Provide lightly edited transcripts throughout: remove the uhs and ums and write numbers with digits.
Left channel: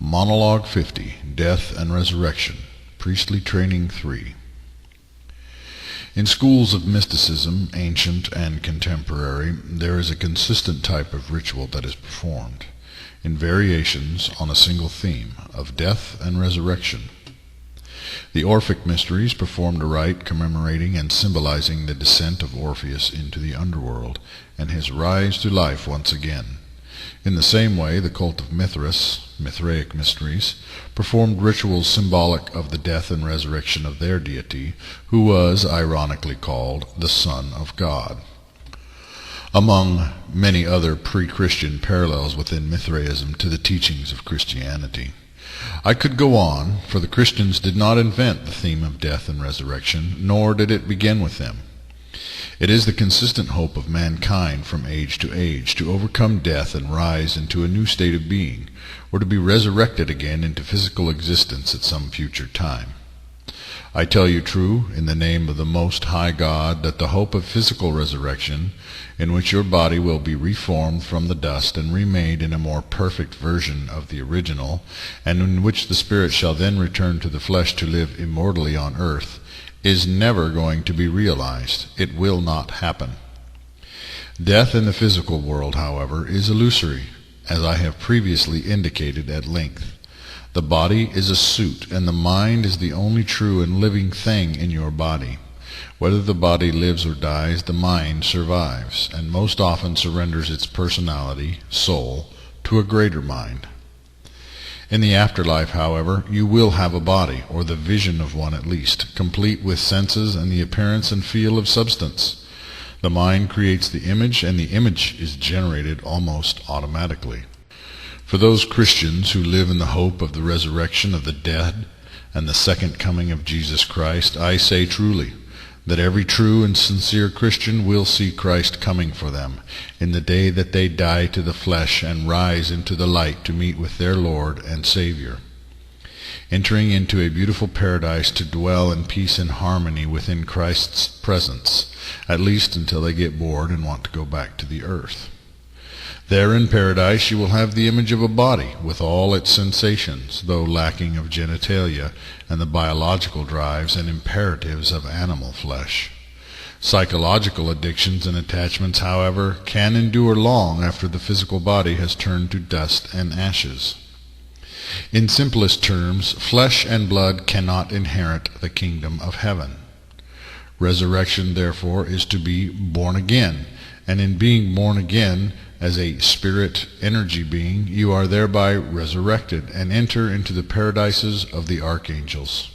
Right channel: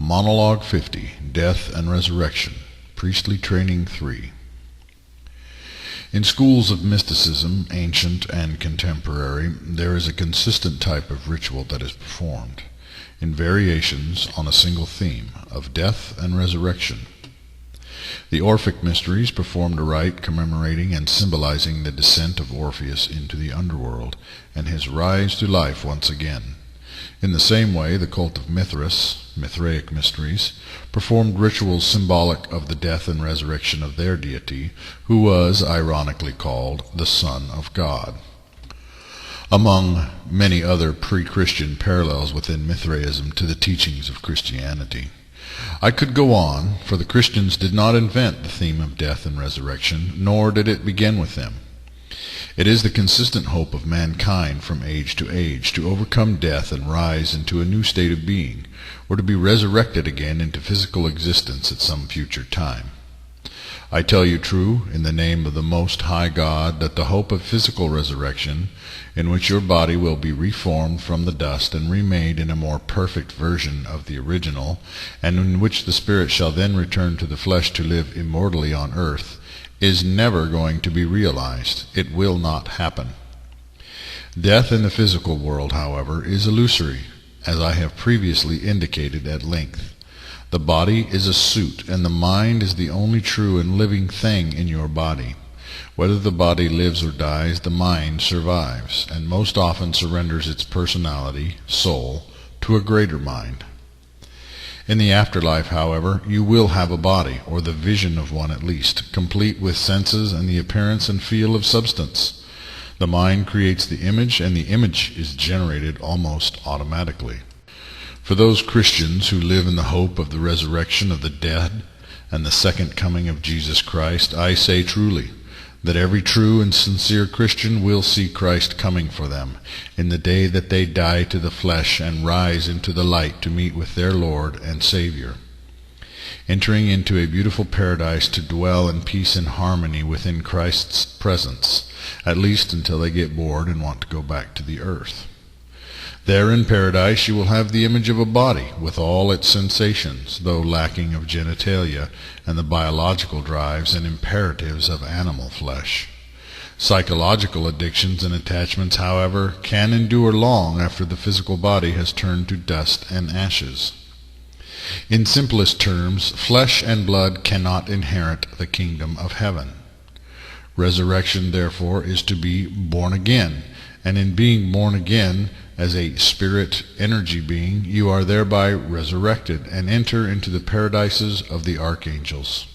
Monologue 50, Death and Resurrection, Priestly Training 3. In schools of mysticism, ancient and contemporary, there is a consistent type of ritual that is performed, in variations on a single theme of death and resurrection. The Orphic Mysteries performed a rite commemorating and symbolizing the descent of Orpheus into the underworld and his rise to life once again. In the same way, the cult of Mithras, Mithraic Mysteries, performed rituals symbolic of the death and resurrection of their deity, who was ironically called the Son of God. Among many other pre-Christian parallels within Mithraism to the teachings of Christianity. I could go on, for the Christians did not invent the theme of death and resurrection, nor did it begin with them. It is the consistent hope of mankind from age to age to overcome death and rise into a new state of being, or to be resurrected again into physical existence at some future time. I tell you true, in the name of the Most High God, that the hope of physical resurrection, in which your body will be reformed from the dust and remade in a more perfect version of the original, and in which the spirit shall then return to the flesh to live immortally on earth, is never going to be realized. It will not happen. Death in the physical world, however, is illusory, as I have previously indicated at length. The body is a suit, and the mind is the only true and living thing in your body. Whether the body lives or dies, the mind survives, and most often surrenders its personality, soul, to a greater mind. In the afterlife, however, you will have a body, or the vision of one at least, complete with senses and the appearance and feel of substance. The mind creates the image, and the image is generated almost automatically. For those Christians who live in the hope of the resurrection of the dead and the second coming of Jesus Christ, I say truly that every true and sincere Christian will see Christ coming for them in the day that they die to the flesh and rise into the light to meet with their Lord and Savior, entering into a beautiful paradise to dwell in peace and harmony within Christ's presence, at least until they get bored and want to go back to the earth. There in paradise you will have the image of a body with all its sensations, though lacking of genitalia and the biological drives and imperatives of animal flesh. Psychological addictions and attachments, however, can endure long after the physical body has turned to dust and ashes. In simplest terms, flesh and blood cannot inherit the kingdom of heaven. Resurrection, therefore, is to be born again, and in being born again as a spirit energy being, you are thereby resurrected and enter into the paradises of the archangels.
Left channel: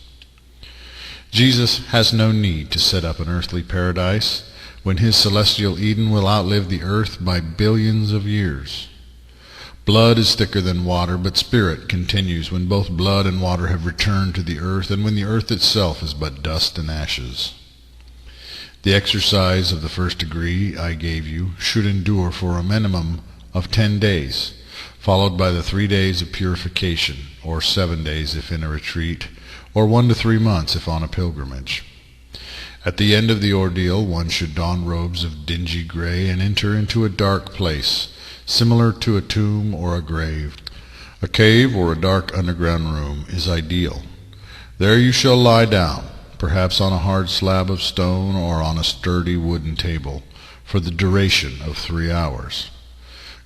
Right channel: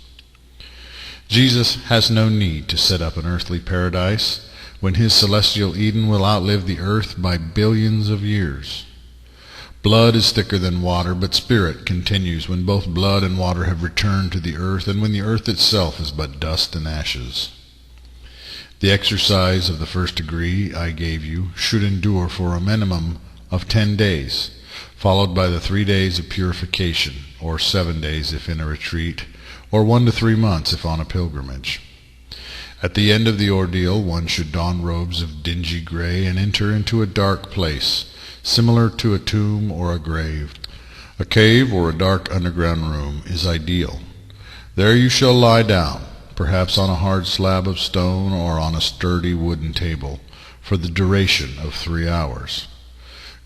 Jesus has no need to set up an earthly paradise when his celestial Eden will outlive the earth by billions of years. Blood is thicker than water, but spirit continues when both blood and water have returned to the earth and when the earth itself is but dust and ashes. The exercise of the first degree I gave you should endure for a minimum of 10 days, followed by the 3 days of purification, or 7 days if in a retreat, or 1 to 3 months if on a pilgrimage. At the end of the ordeal, one should don robes of dingy gray and enter into a dark place, similar to a tomb or a grave. A cave or a dark underground room is ideal. There you shall lie down, perhaps on a hard slab of stone or on a sturdy wooden table, for the duration of 3 hours.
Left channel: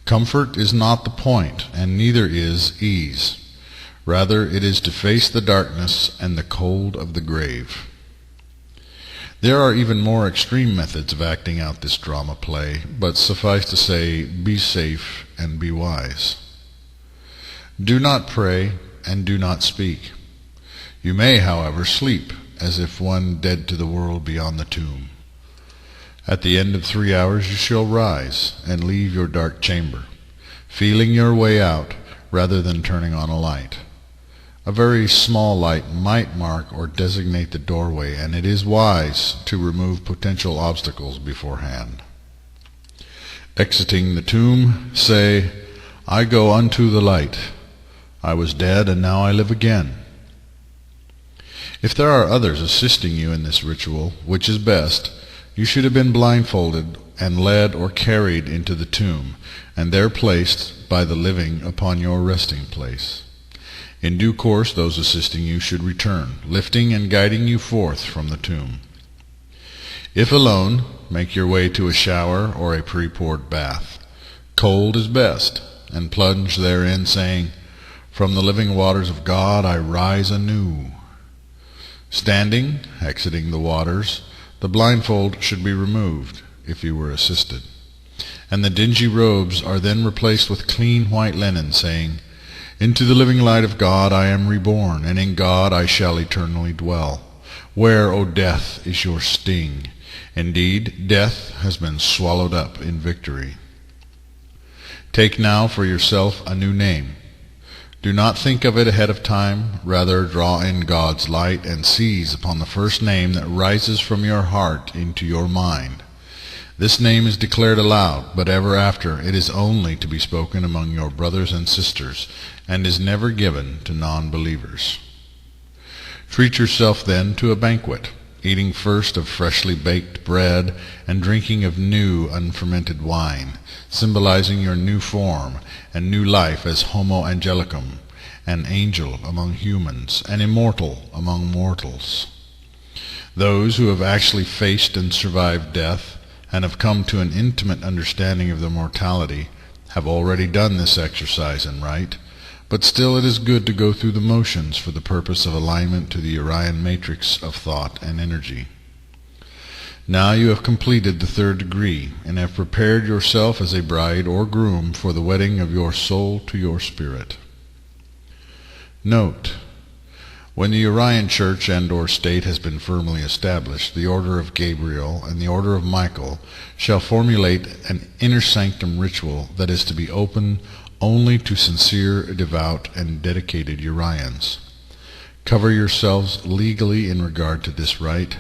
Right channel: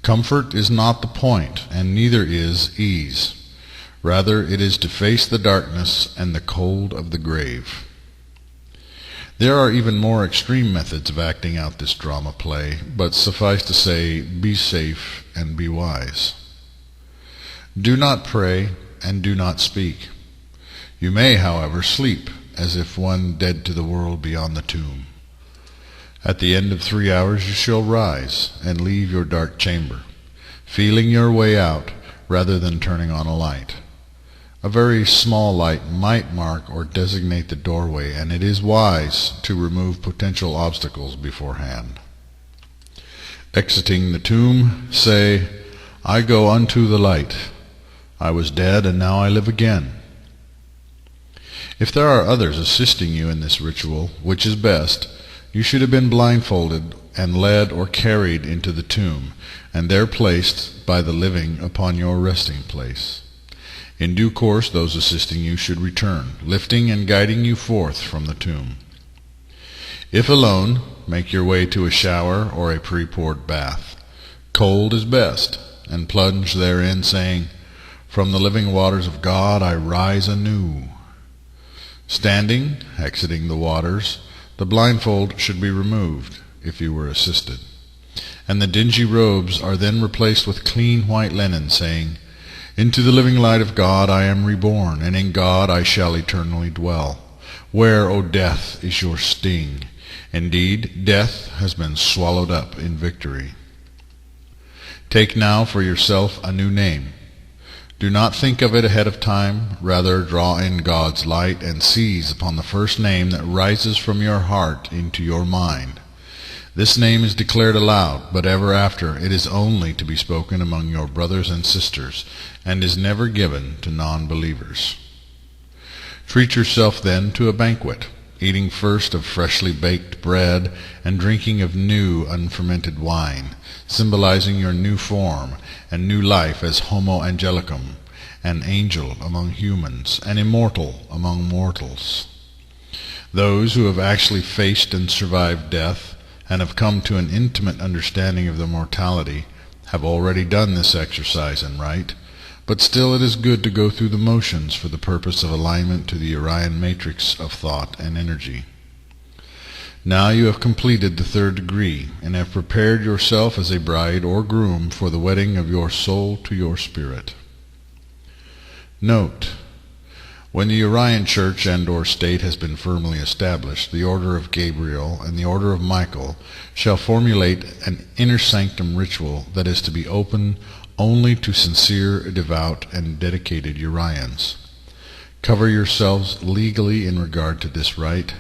Comfort is not the point, and neither is ease. Rather, it is to face the darkness and the cold of the grave. There are even more extreme methods of acting out this drama play, but suffice to say, be safe and be wise. Do not pray and do not speak. You may, however, sleep as if one dead to the world beyond the tomb. At the end of 3 hours you shall rise and leave your dark chamber, feeling your way out rather than turning on a light. A very small light might mark or designate the doorway, and it is wise to remove potential obstacles beforehand. Exiting the tomb, say, I go unto the light. I was dead, and now I live again. If there are others assisting you in this ritual, which is best, you should have been blindfolded and led or carried into the tomb, and there placed by the living upon your resting place. In due course those assisting you should return, lifting and guiding you forth from the tomb. If alone, make your way to a shower or a pre-poured bath. Cold is best, and plunge therein, saying, "From the living waters of God I rise anew." Standing, exiting the waters, the blindfold should be removed, if you were assisted, and the dingy robes are then replaced with clean white linen, saying, "Into the living light of God I am reborn, and in God I shall eternally dwell. Where, O death, is your sting? Indeed, death has been swallowed up in victory." Take now for yourself a new name. Do not think of it ahead of time. Rather, draw in God's light and seize upon the first name that rises from your heart into your mind. This name is declared aloud, but ever after it is only to be spoken among your brothers and sisters, and is never given to non-believers. Treat yourself then to a banquet, eating first of freshly baked bread and drinking of new unfermented wine, symbolizing your new form and new life as Homo Angelicum, an angel among humans, an immortal among mortals. Those who have actually faced and survived death, and have come to an intimate understanding of their mortality, have already done this exercise in rite, but still it is good to go through the motions for the purpose of alignment to the Urian matrix of thought and energy. Now you have completed the third degree, and have prepared yourself as a bride or groom for the wedding of your soul to your spirit. Note: when the Urian church and or state has been firmly established, the order of Gabriel and the order of Michael shall formulate an inner sanctum ritual that is to be open only to sincere, devout, and dedicated Urians. Cover yourselves legally in regard to this rite,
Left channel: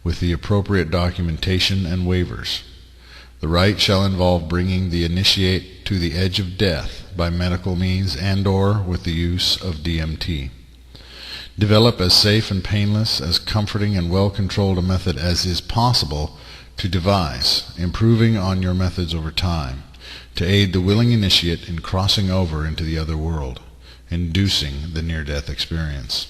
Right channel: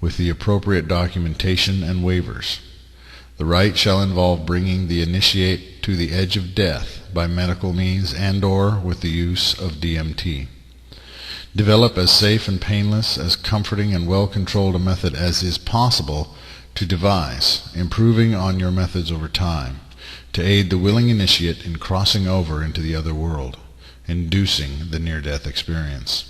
with the appropriate documentation and waivers. The rite shall involve bringing the initiate to the edge of death by medical means and or with the use of DMT. Develop as safe and painless, as comforting and well-controlled a method as is possible to devise, improving on your methods over time, to aid the willing initiate in crossing over into the other world, inducing the near-death experience.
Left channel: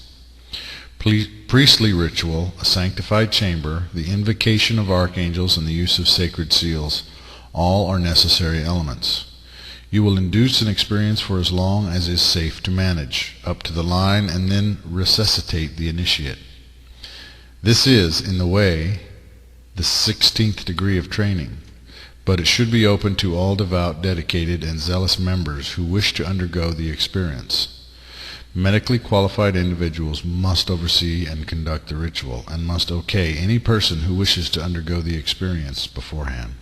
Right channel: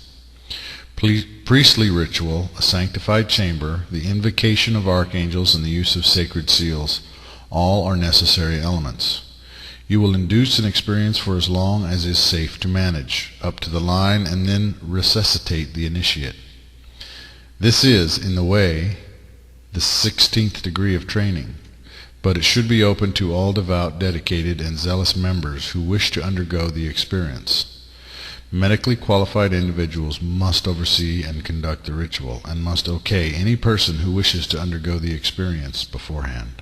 Priestly ritual, a sanctified chamber, the invocation of archangels, and the use of sacred seals, all are necessary elements. You will induce an experience for as long as is safe to manage, up to the line, and then resuscitate the initiate. This is, in the way, the 16th degree of training, but it should be open to all devout, dedicated, and zealous members who wish to undergo the experience. Medically qualified individuals must oversee and conduct the ritual, and must okay any person who wishes to undergo the experience beforehand.